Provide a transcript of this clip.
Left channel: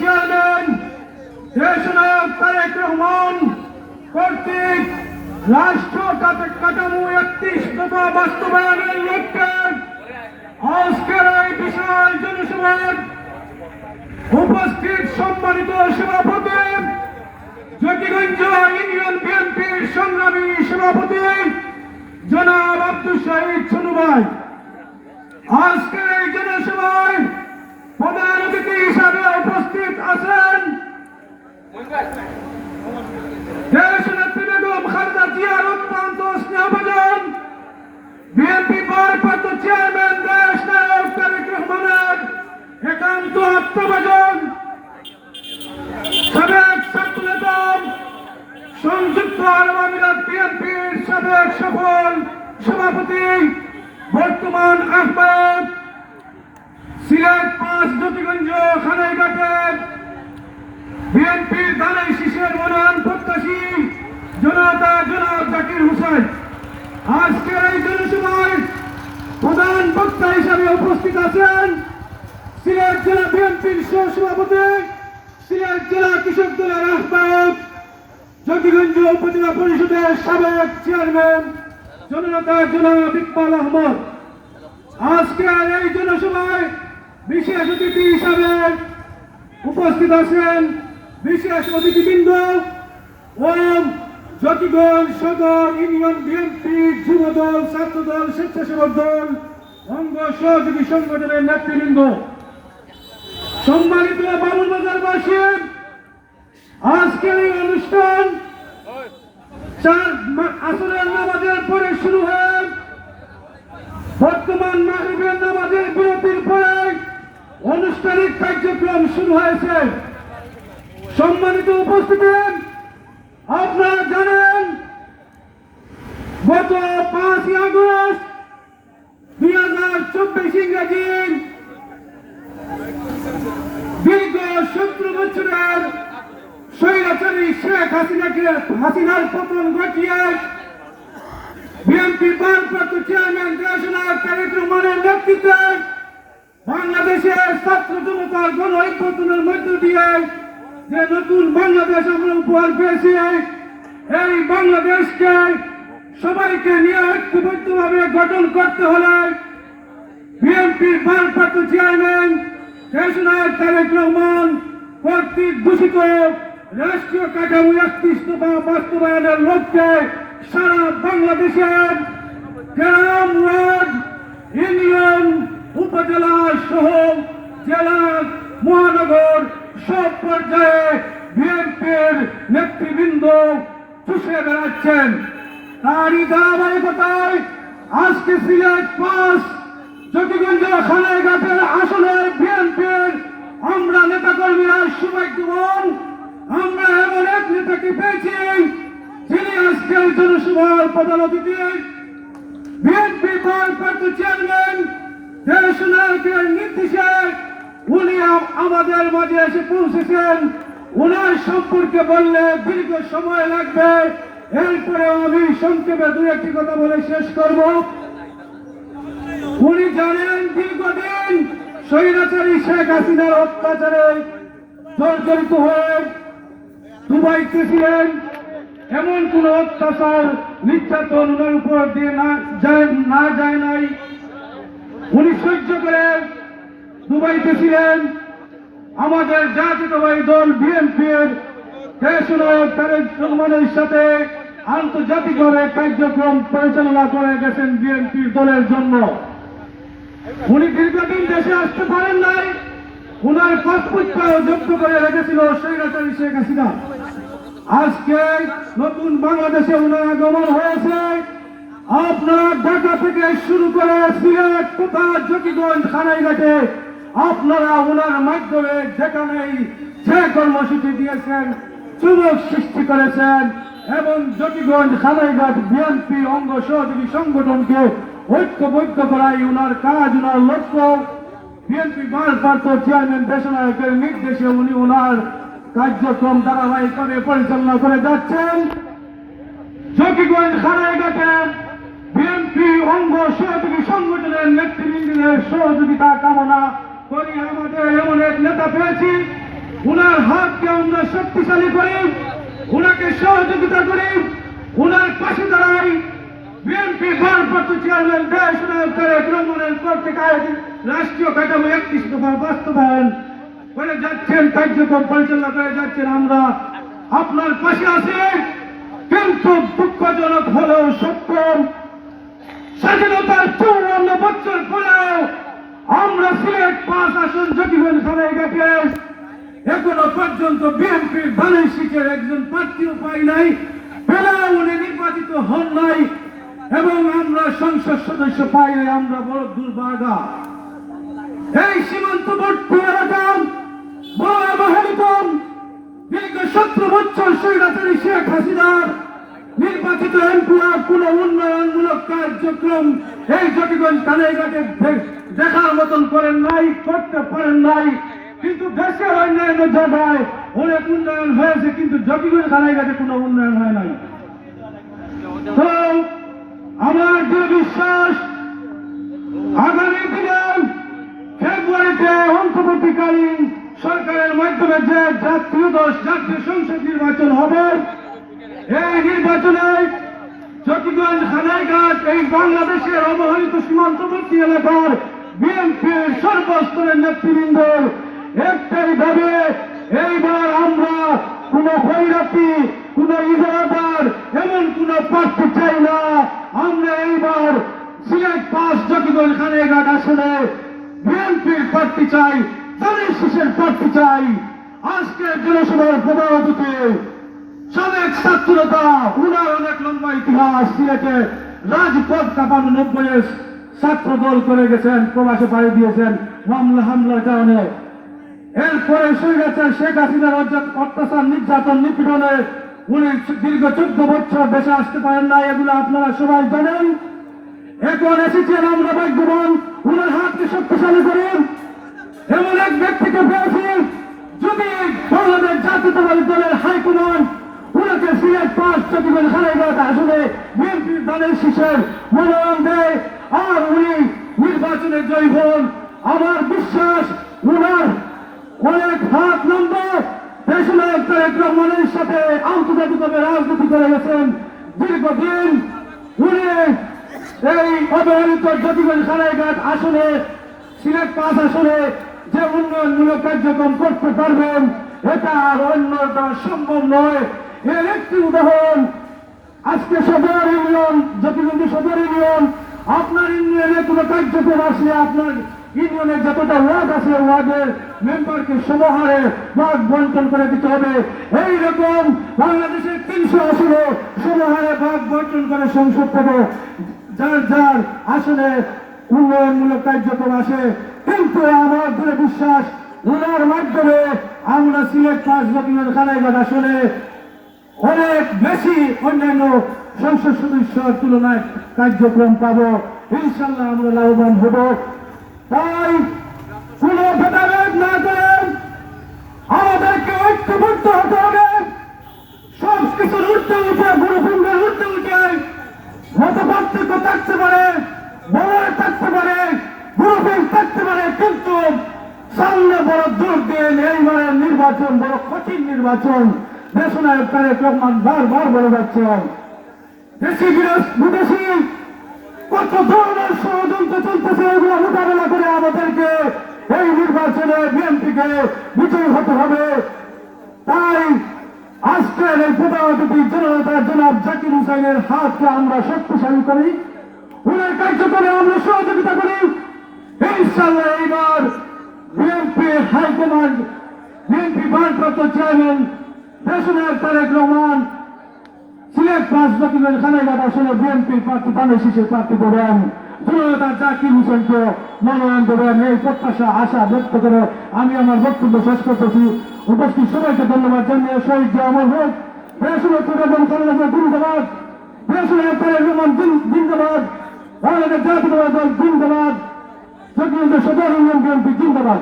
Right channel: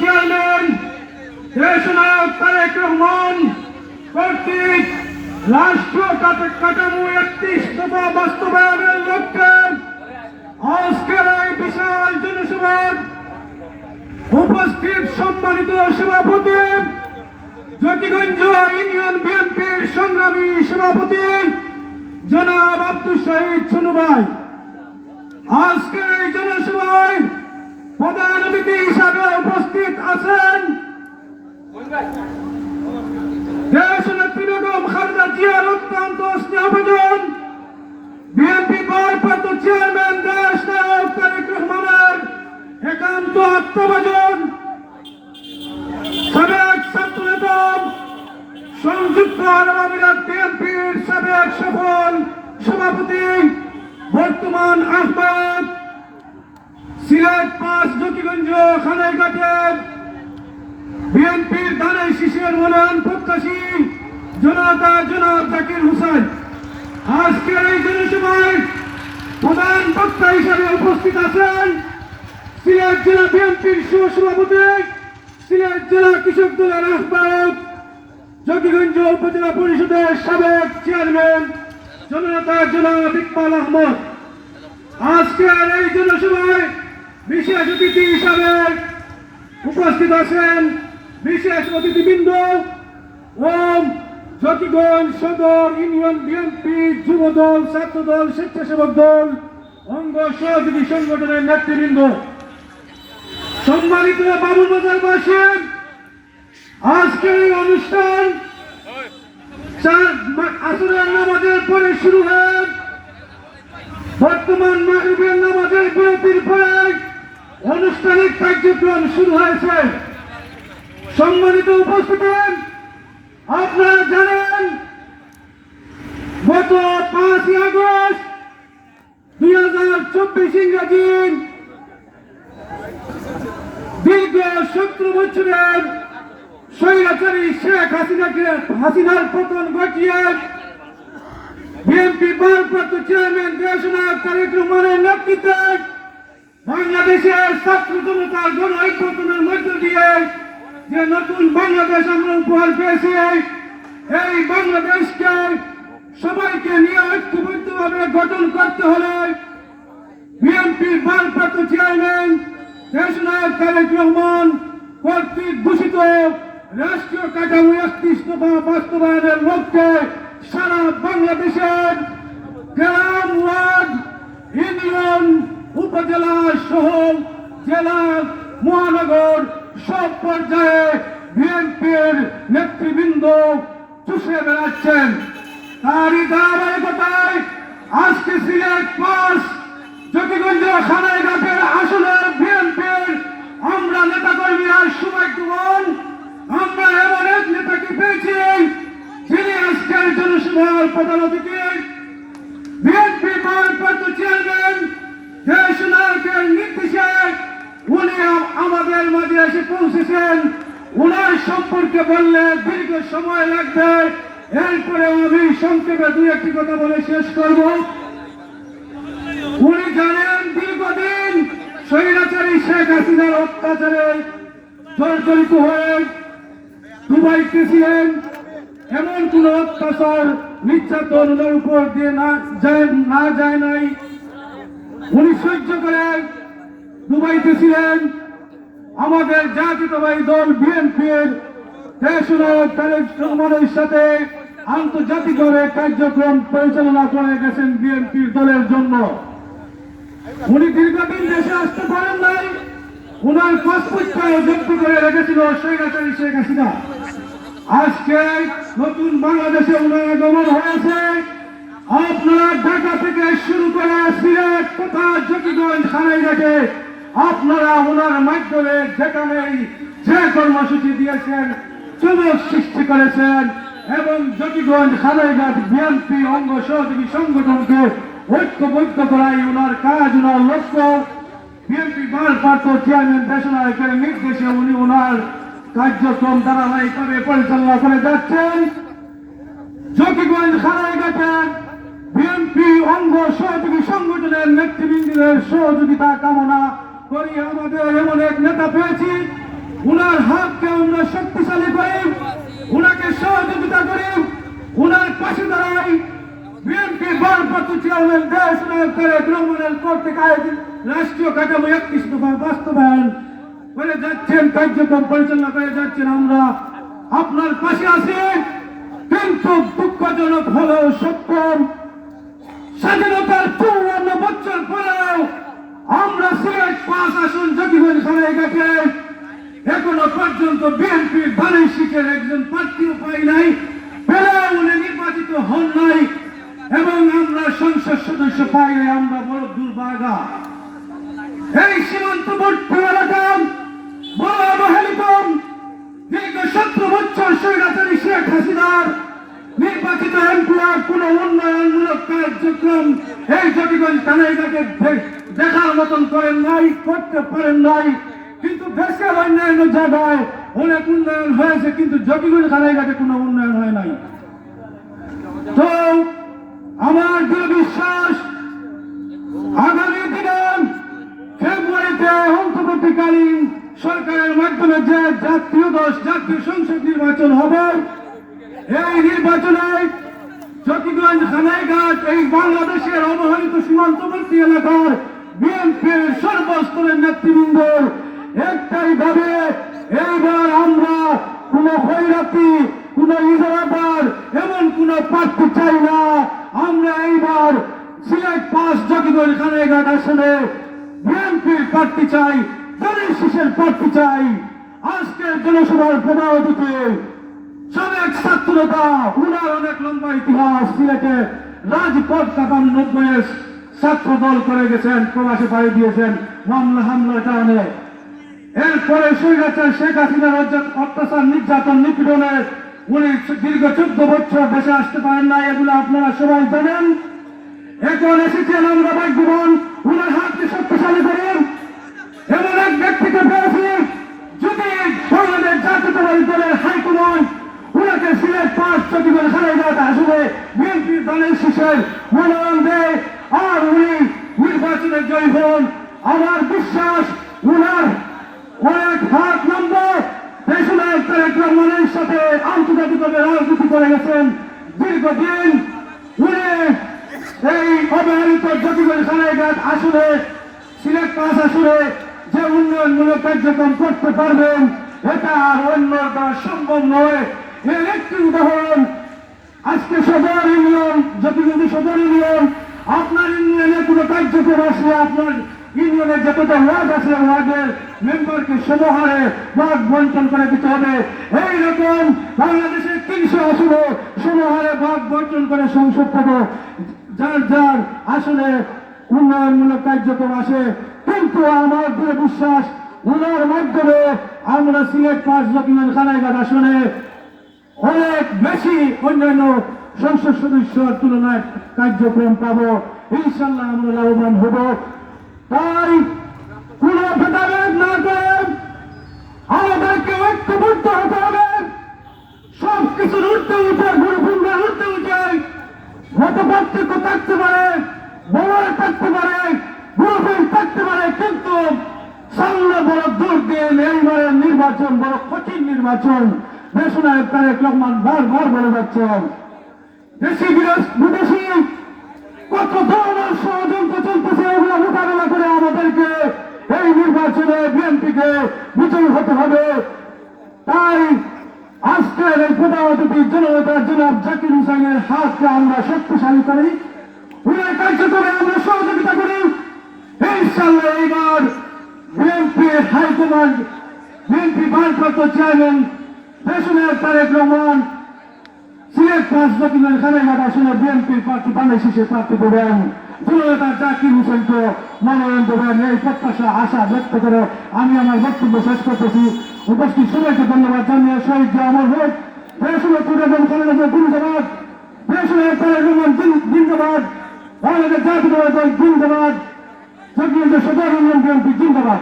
Chairman, দেশনায়ক তারেক রহমান কর্তৃক রাষ্ট্র কাঠামো একত্রিশ দফা বাস্তবায়নের লক্ষ্যে আজকের এই বিশাল জনসভার উপস্থিত সম্মানিত সভাপতি, জ্যোতিগঞ্জ ইউনিয়ন বিএনপির সংগ্রামী সভাপতি জনাব আব্দুল শহীদ ছনু ভাই আজকের এই জনসভায় প্রধান অতিথি হিসাবে উপস্থিত আছেন দেশ নেত্রী বেগম খালেদা জিয়ার অত্যন্ত স্নেহভাজন বিএনপি ভারপ্রাপ্ত চেয়ারম্যান দেশ নায়ক তারেক রহমানের একান্ত আত্মভাজন। সাবেক ছাত্রনেতা সংযুক্ত আরব আমিরাত বিএনপির সাবেক সফল সভাপতি বর্তমান আহ্বায়ক সিলেট পাঁচ জ্যোতিগঞ্জ খানাইঘাটের বিএনপির দানের শিশুর মনোনয়ন প্রত্যাশী। জনতা, জনাব জাকির হোসেন, আজকের এই জনসভায় প্রধান বক্তা হিসাবে উপস্থিত আছেন সিলেট জেলা বিএনপির সহসভাপতি, সিলেট জেলা কৃষক দলের আহ্বায়ক, জকিগঞ্জ উপজেলা পরিষদের সাবেক চেয়ারম্যান জনতা জনাব ইকবাল আহমদ। আজকের এই জনসভায় বিশেষ অতিথি হিসাবে উপস্থিত আছেন বিশেষ অতিথিবৃন্দ ও জকিগঞ্জ সদর, ইউনিয়ন বিএনপি যুবদল, ছাত্রদল, স্বেচ্ছাসেবক দল, অঙ্গ সহযোগী সংগঠনের নেতৃবৃন্দ। সম্মানিত বাবুল বাজারবাসী আজকের এই অনুষ্ঠান আসরের নামাজের পরে শুরু হয়। বর্তমান মাগরিবের নামাজের বিরতির পরে আনুষ্ঠানিক কার্যক্রম শুরু হয়েছে। সম্মানিত উপস্থিতি, আপনারা জানেন, গত পাঁচই আগস্ট দুই হাজার চব্বিশ ইংরাজি দীর্ঘ সতেরো বছরের স্বৈরাচারী শেখ হাসিনাকে, হাসিনার পতন ঘটিয়ে বিএনপি ভারপ্রাপ্ত চেয়ারম্যান দেশনায়ক তারেক রহমানের নেতৃত্বে বাংলাদেশের ছাত্র জনতার গণ ঐক্যতনের মধ্য দিয়ে যে নতুন বাংলাদেশ আমরা উপহার পেয়েছি, এই বাংলাদেশকে সবাইকে নিয়ে ঐক্যবদ্ধভাবে গঠন করতে হলে বিএনপির ভারপ্রাপ্ত চেয়ারম্যান দেশনায়ক তারেক রহমান কর্তৃক ঘোষিত রাষ্ট্রীয় কাঠামো একত্রিশ বাস্তবায়নের লক্ষ্যে সারা বাংলাদেশের গ্রাম, ওয়ার্ড, ইউনিয়ন, উপজেলা সহ জেলা মহানগর সব পর্যায়ে বিএনপির নেতৃবৃন্দ চুষে বেড়াচ্ছেন। তারই ধারাবাহিকতায় আজকে সিলেট পাস, জ্যোতিগঞ্জ খানাইঘাটের আসনের বিএনপির আমরা নেতাকর্মী আর সৌভাগ্যবান, আমরা এমন এক নেতাকে পেয়েছি যিনি আজকের জনসভার প্রধান অতিথি। বিএনপি ভারপ্রাপ্ত চেয়ারম্যান, দেশ নায়কের নির্দেশে উনি আমাদের মাঝে এসে পৌঁছেছেন ওনার সম্পর্কে বললে দীর্ঘ সময় লাগবে। এরপরে আমি সংক্ষেপে দুই একটি কথা বলে শেষ করব। উনি জানেন দীর্ঘদিন স্বৈরাচারী শেখ হাসিনার অত্যাচারে জর্জরিত হয়ে দুবাইতে ছিলেন এমন কোন অত্যাচার নির্যাতন ওনার উপর দিয়ে না যায় না যায় নাই। উনি সহ্য করে দুবাইতে ছিলেন আমাদের জাতীয়তাবাদী দল বিএনপির দেশ নায়ক তারেক রহমানের সাথে আন্তর্জাতিকভাবে কার্যক্রম পরিচালনা করে গেছেন বিএনপির দলের জন্য। উনি দীর্ঘদিন দেশে আসতে পারেন নাই, উনার পাসপোর্টটাও জব্দ করে রেখেছিল স্বৈরাচারী শেখ হাসিনা। আজকে নতুন বাংলাদেশে উনার আগমন হয়েছে। আপনার ঢাকা থেকে শুরু করে সিলেট কোথা জকিগঞ্জ খানাইঘাটে আপনারা ওনার মাধ্যমে যেখানেই যে কর্মসূচি দিয়েছেন চুমক সৃষ্টি করেছেন এবং জকিগঞ্জ খানাইঘাট বিএনপি, অঙ্গ সহযোগী সংগঠনকে ঐক্যবদ্ধ করাই ওনার কাজ, ওনার লক্ষ্য। বিএনপি ভারপ্রাপ্ত চেয়ারম্যান দেশনায়কের নির্দেশে উনি ওনার কার্যক্রম ধারাবাহিকভাবে পরিচালনা করে যাচ্ছেন। জকিগঞ্জ খানাইঘাটে বিএনপি অঙ্গ সহযোগী সংগঠনের নেতৃবৃন্দের সহযোগিতা কামনা করি, আমাদের এমন এক নেতা পেয়েছি, উনার হাতকে আমরা শক্তিশালী করি, উনাকে সহযোগিতা করি, উনার পাশে দাঁড়াই। বিএনপি ভারপ্রাপ্ত চেয়ারম্যান দেশ নায়ক তারেক রহমানের কর্তৃক আয়োজিত রাষ্ট্রীয় কাঠামো একত্রিশ দফার বাস্তবায়ন করে যাচ্ছেন, কার্যক্রম পরিচালনা করে যাচ্ছেন আমরা। আপনার পাশে আছি, কিন্তু দুঃখজনক হলেও সত্য স্বাধীনতার চৌরান্ন বছর পরেও আমরা সিলেট পাঁচ আসন জকিগঞ্জ খানাইঘাটে এখনও পর্যন্ত বিএনপির ধানের শীতের একজন প্রার্থীও পাই নাই। উনি নির্বাচিত হন নাই এবং আমরা সংসদ সদস্য পাই নাই, আমরা বড় দুর্ভাগা এই সীমান্তবর্তী এলাকা, বড় অবহেলিত দীর্ঘ সতেরো বছর স্বৈরাচারী শেখ হাসিনার নির্বাচিত এমপিআর কোন উন্নয়নমূলক কার্যক্রম এই জটিগঞ্জ কানাইঘাটে দে- দেখার মতন করেন নাই, করতে পারেন নাই, কিন্তু দেশের অন্যান্য জায়গায় অনেক উন্নয়ন হয়েছে, কিন্তু জটিগঞ্জ কানাইঘাটে কোনো উন্নয়ন হয় নাই। তো আমার দৃঢ় বিশ্বাস, আগামী দিনে ফেব্রুয়ারিতে অন্তর্বর্তীকালীন সরকারের মাধ্যমে যে জাতীয় দশ, জাতীয় সংসদ নির্বাচন হবে, এই নির্বাচনে চট্টগ্রাম খানাইঘাট এই বাংলাদেশের অবহেলিত সীমান্তবর্তী এলাকার বিএনপির সর্বস্তরের নেতৃবৃন্দর একটাই ভাবে এইবার আমরা কোন খৈরাতি কোন ইজারাদার, এমন কোন প্রার্থী চাই না। আমরা এইবার সিলেট পাঁচ চট্টগ্রাম খানাইঘাট আসলে বিএনপির প্রার্থী চাই দলের শেষের প্রার্থী চাই। আজকের জনসভার প্রভাবতে সাবেক ছাত্রতা উনার অনেক লম্বা ইতিহাস, সিলেটে রাজপথ কাঁপানো নব্বই ছাত্র দল করে গেছেন, প্রবাসে পাড়ি দিয়েছেন, মামলা হামলার কারণে। এরপরে সুইরাচার শেখ হাসিনার অত্যাচার- নির্যাতন নিপীড়নে উনি দীর্ঘ চোদ্দ বছর দেশে আসতে পারেন না এগুলো আপনারা সবাই জানেন। এখন এসেছেন আমরা ভাগ্যবান, উনার হাতকে শক্তিশালী করেন। এমন এক ব্যক্তিকে পেয়েছি যদি বাংলাদেশ জাতীয়তাবাদী দলের হাইকমান্ড। উনাকে সিলেট পাঁচ চট্টগ্রাম খানাইঘাট আসলে বিএনপির দলের শীষের মনোনয়ন দেয়। নির্বাচনে জয়ী হন আমার বিশ্বাস, উনার অনেক হাত লম্বা রহমানের সাথে আন্তর্জাতিকভাবে রাজনীতি করে গেছেন। দীর্ঘদিন উনি এই অবহেলিত আসলে সিলেট আসলে যে উন্নয়নমূলক কার্যক্রম করতে পারবেন, এটা আর অন্য সম্ভব নয়। এর একটি উদাহরণ। আজকে সদর ইউনিয়ন জটিগঞ্জ সদর ইউনিয়ন, আপনার ইউনিয়নে কোনো কার্যক্রম আসলে আপনার ইউনিয়নের যতটা ওয়ার্ড আছে ওয়ার্ডের মেম্বারকে সমহারে ওয়ার্ড বন্টন করে দিতে হবে। এই বাংলাদেশের তিনশো আসনে সমহারে ভাগ বন্টন করে সংসদ থেকে যার যার আসলে উন্নয়নমূলক কার্যক্রম আসে। কিন্তু আমার দৃঢ় বিশ্বাস উনার মাধ্যমে আমরা সিলেট পাঁচ রকমের খানাইঘাট আসলে অনেক বেশি অন্যান্য সংসদ সদস্যের তুলনায় কার্যক্রম পাবো। ইনশাল্লাহ আমরা লাভবান হব। তাই কোন ভেদাভেদ না করে আমাদেরকে ঐক্যবদ্ধ হতে হবে। সব কিছুর উঠতে উঠে গুরুকুণ্ডের উঠতে উঠে মতপার্থক্য থাকতে পারে, বলয় থাকতে পারে, গুরুকুল থাকতে পারে, কিন্তু সামনে বড় দুর্দিন এইবারের নির্বাচন, বড় কঠিন নির্বাচন। দেশনায়ক তারেক রহমান বারবার বলে যাচ্ছেন, দেশি বিদেশি কত ধরনের ষড়যন্ত্র চলতেছে এগুলো মোকাবেলা করে আমাদেরকে এই নির্বাচনে হাতকে আমরা শক্তিশালী করি। উনার কার্যক্রমে আমরা সহযোগিতা করি। ইনশাল্লাহ এইবার বিএনপি হাইকমান্ড চেয়ারম্যান, দেশনায়ক তারেক রহমান সিলেট পাঁচ বছরের খানাঘাট আসলে বিএনপির প্রার্থী বাংলাদেশের প্রার্থী দেবেন জনতা জাকির হোসেনকে মনোনয়ন দেবেন, এই প্রত্যাশা, আশা ব্যক্ত করে আমি আমার বক্তব্য শেষ করতেছি। উপস্থিত সবাইকে ধন্যবাদ জানিয়ে শহীদ যে আমার হোক বেগম খালেদা জিন্দাবাদ দেশনায়ক তারেক রহমান জিন্দাবাদ বাংলাদেশ জাতীয় দল জিন্দাবাদ সদর ইউনিয়ন বিএনপি জিন্দাবাদ